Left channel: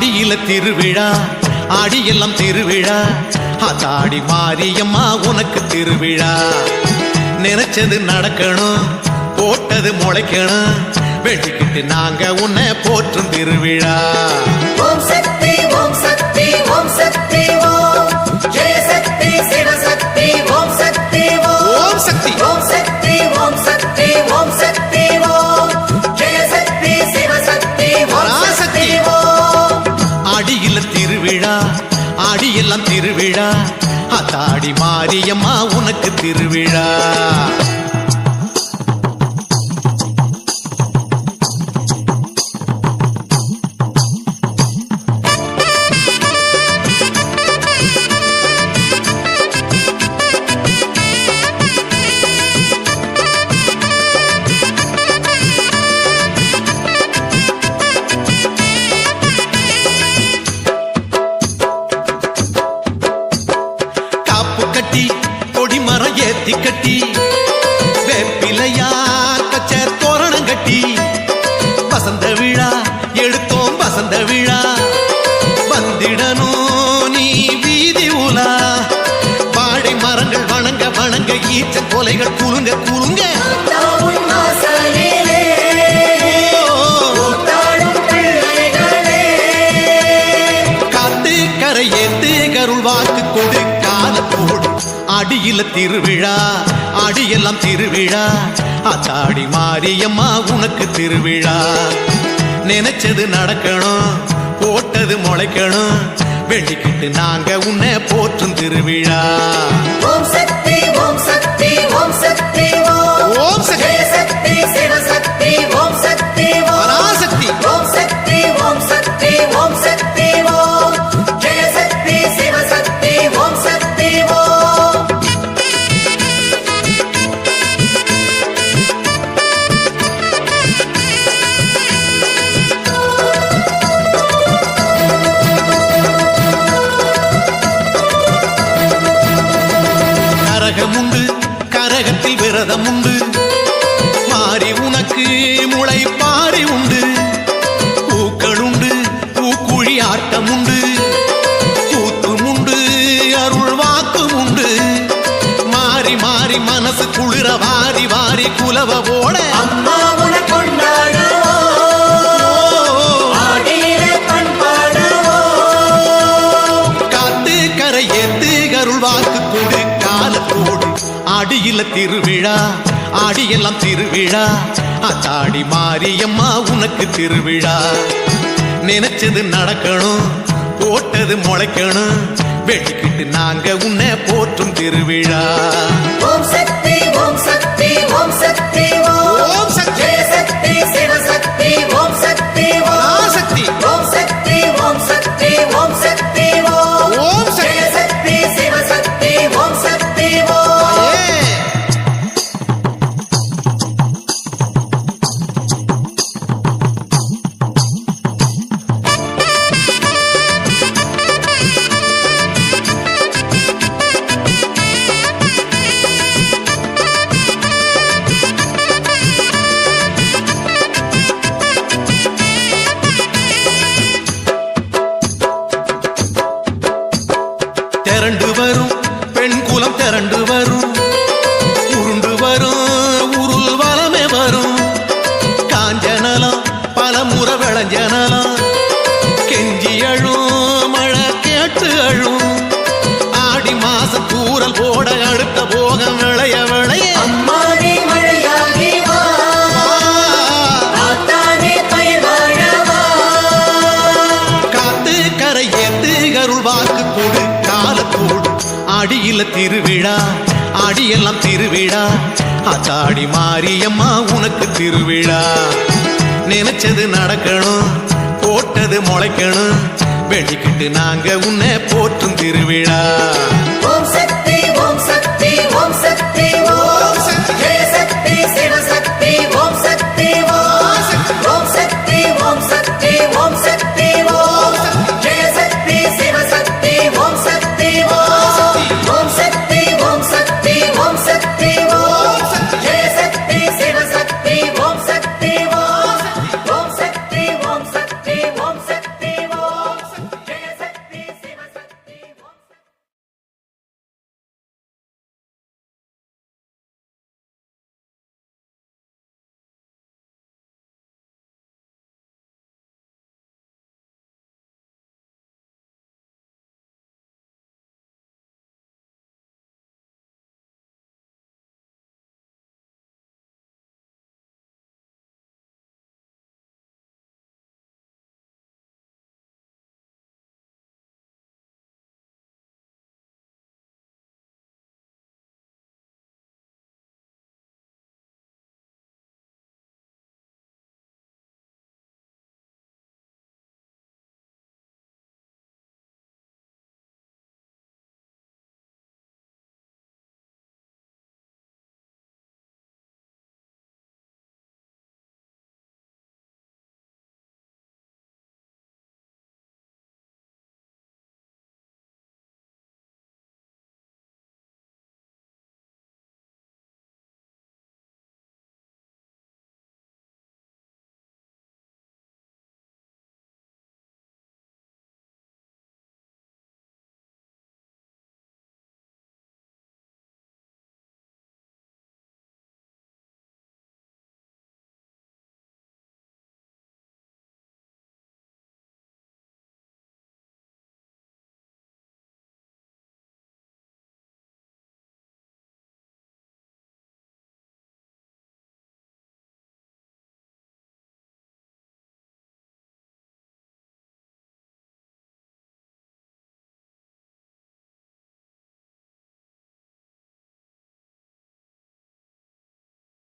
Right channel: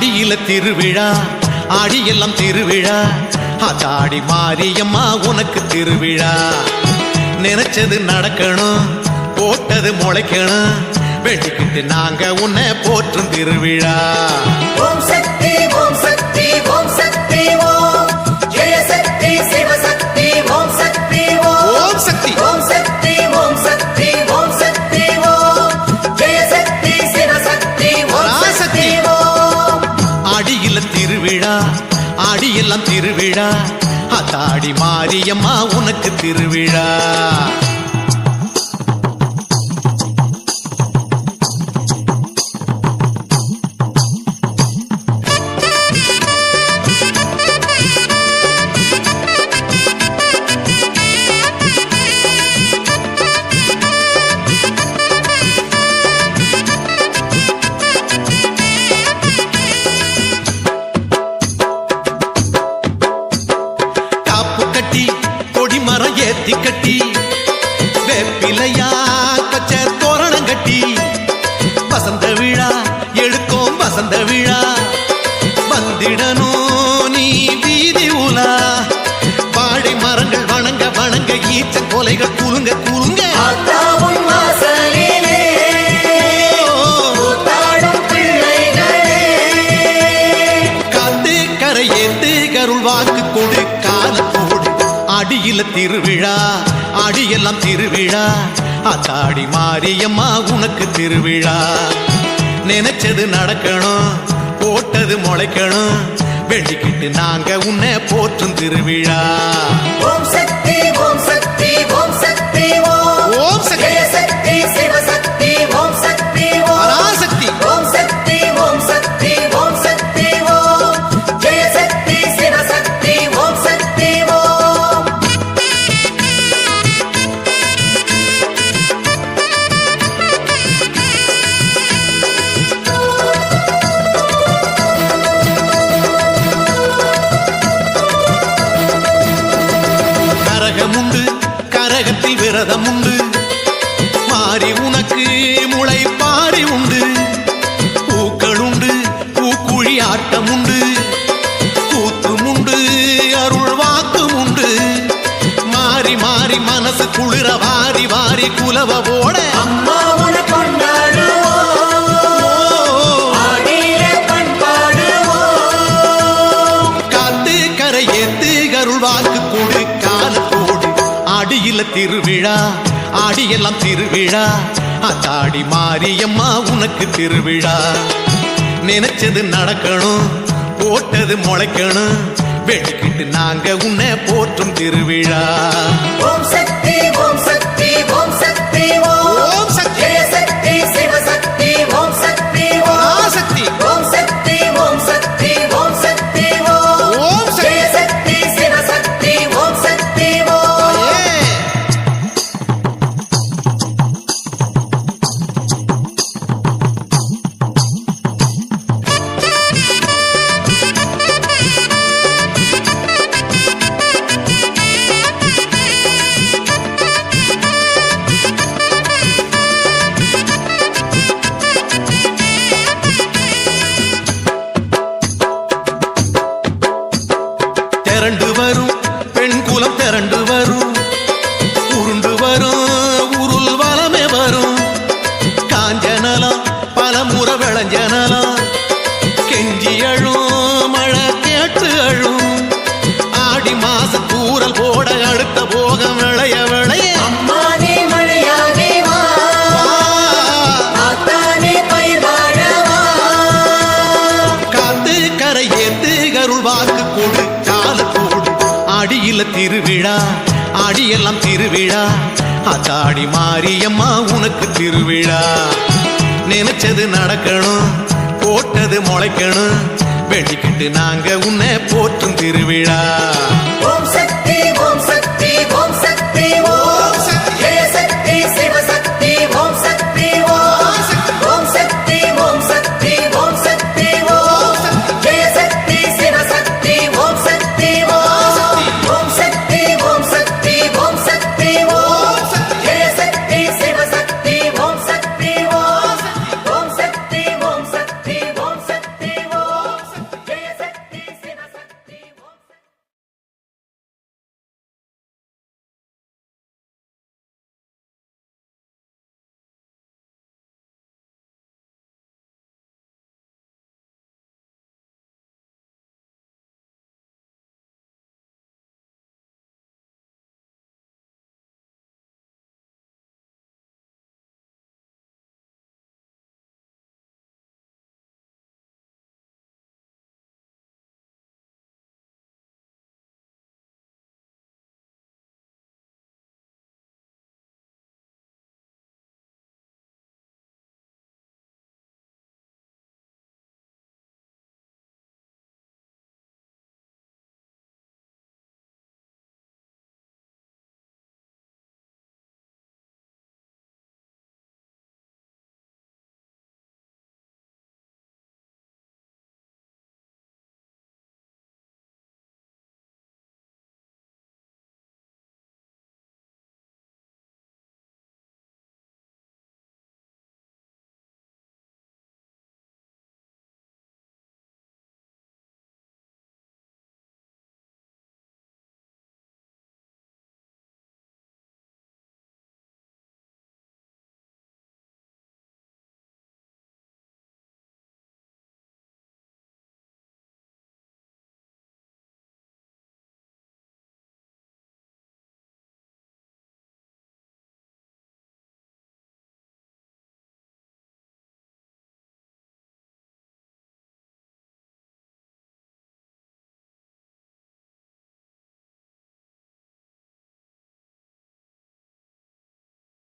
ஆடியில திருவிழா ஆடியெல்லாம் திருவிழா அதாடி மாரியம்மா உனக்கு திருவிழா நினைச்சது நடக்கணும் போட்டது முளைக்கணும் வெட்டிக்கிட்டு நாங்க உன்னை போற்றும் திருவிழா ஓம் சக்தி ஓம் சக்தி ஓம் சக்தி ஓம் ஜெய சக்தி சிவசக்தி ஓம் சக்தி ஓம் சக்தி ஓம் சக்தி ஓம் சக்தி ஓம் சக்தி ஓம் ஜெய சக்தி சிவசக்தி ஓம் சக்தி ஓம் ஆடியில திருவிழா ஆடியெல்லாம் திருவிழா அதாடி மாரியம்மா உனக்கு திருவிழா கட்டி கொடிமரம் ஏத்தி கட்டி வேப்பிலையா பச்ச தோரணம் கட்டி வசந்த விழா எடுத்தோம் வசந்த விழா வந்திடணும் நீ வீதி உலா வாழை மரங்கள் வணங்க வணங்க ஈச்சன் கொலைகள் குலுங்க குலுங்க காத்து கரை ஏத்து கருள் வாக்கு கொடு காலத்தோடு ஆடியில திருவிழா ஆடியெல்லாம் திருவிழா அத்தாடி மாரியம்மா உனக்கு திருவிழா நினைச்சது நடக்கணும் போட்டது முளைக்கணும் வேண்டிக்கிட்டு நாங்க உன்னை போற்றும் திருவிழா ஓம் சக்தி ஓம் சக்தி ஓம் சக்தி ஓம் சக்தி சிவசக்தி ஓம் சக்தி பராசக்தி ஓம் சக்தி ஓம் சக்தி ஓம் சக்தி ஓம் ஜெய சக்தி சிவசக்தி ஓம் சக்தி ஓம் கரகமுண்டு கரகத்தில் விரதம் உண்டு மாறி உனக்கு முளை பாரி உண்டு பூக்கள் உண்டு பூக்குழி ஆட்டம் உண்டு கூத்தும் உண்டு அருள் வாக்கும் உண்டு மாறி மாறி மனசு குளிர வாரி வாரி குலவ போட அம்மாவுன காத்து கரை ஏத்து அருள் வாக்கு கொடு காலத்தோடு ஆடியில திருவிழா ஆடியெல்லாம் திருவிழா அத்தாடி மாரியம்மா உனக்கு திருவிழா நினைச்சது நடக்கணும் போட்டது முளைக்கணும் வெட்டிக்கிட்டு நாங்க உன்னை போற்றும் திருவிழா ஓம் சக்தி ஓம் சக்தி ஓம் சக்தி ஓம் சக்தி ஜெய சக்தி சிவசக்தி ஓம் சக்தி பராசக்தி ஓம் சக்தி ஓம் சக்தி ஓம் சக்தி ஓம் ஜெய சக்தி சக்தி சிவசக்தி ஓம் சக்தி ஓம் திரண்டு வரும் பெண் குலம் திரண்டு வரும் உருண்டு வரும் உருள் வளமே வரும் காஞ்சனலாம் பல முறை விளைஞ்சனலாம் கெஞ்சி அழும் மழை கேட்டு அழும் ஆடி மாச தூரல் போட அடுத்த போகம் விளைய விளைய அம்மானே மழையாகி வா ஆத்தானே பயிர் வாழவா காத்து கரை ஏத்து அருள் வாக்கு கொடு காலத்தோடு ஆடியில திருவிழா ஆடியெல்லாம் திருவிழா அத்தாடி மாரியம்மா உனக்கு திருவிழா நினைச்சது நடக்கணும் போட்டது முளைக்கணும் வேண்டிக்கிட்டு நாங்க உன்னை போற்றும் திருவிழா ஓம்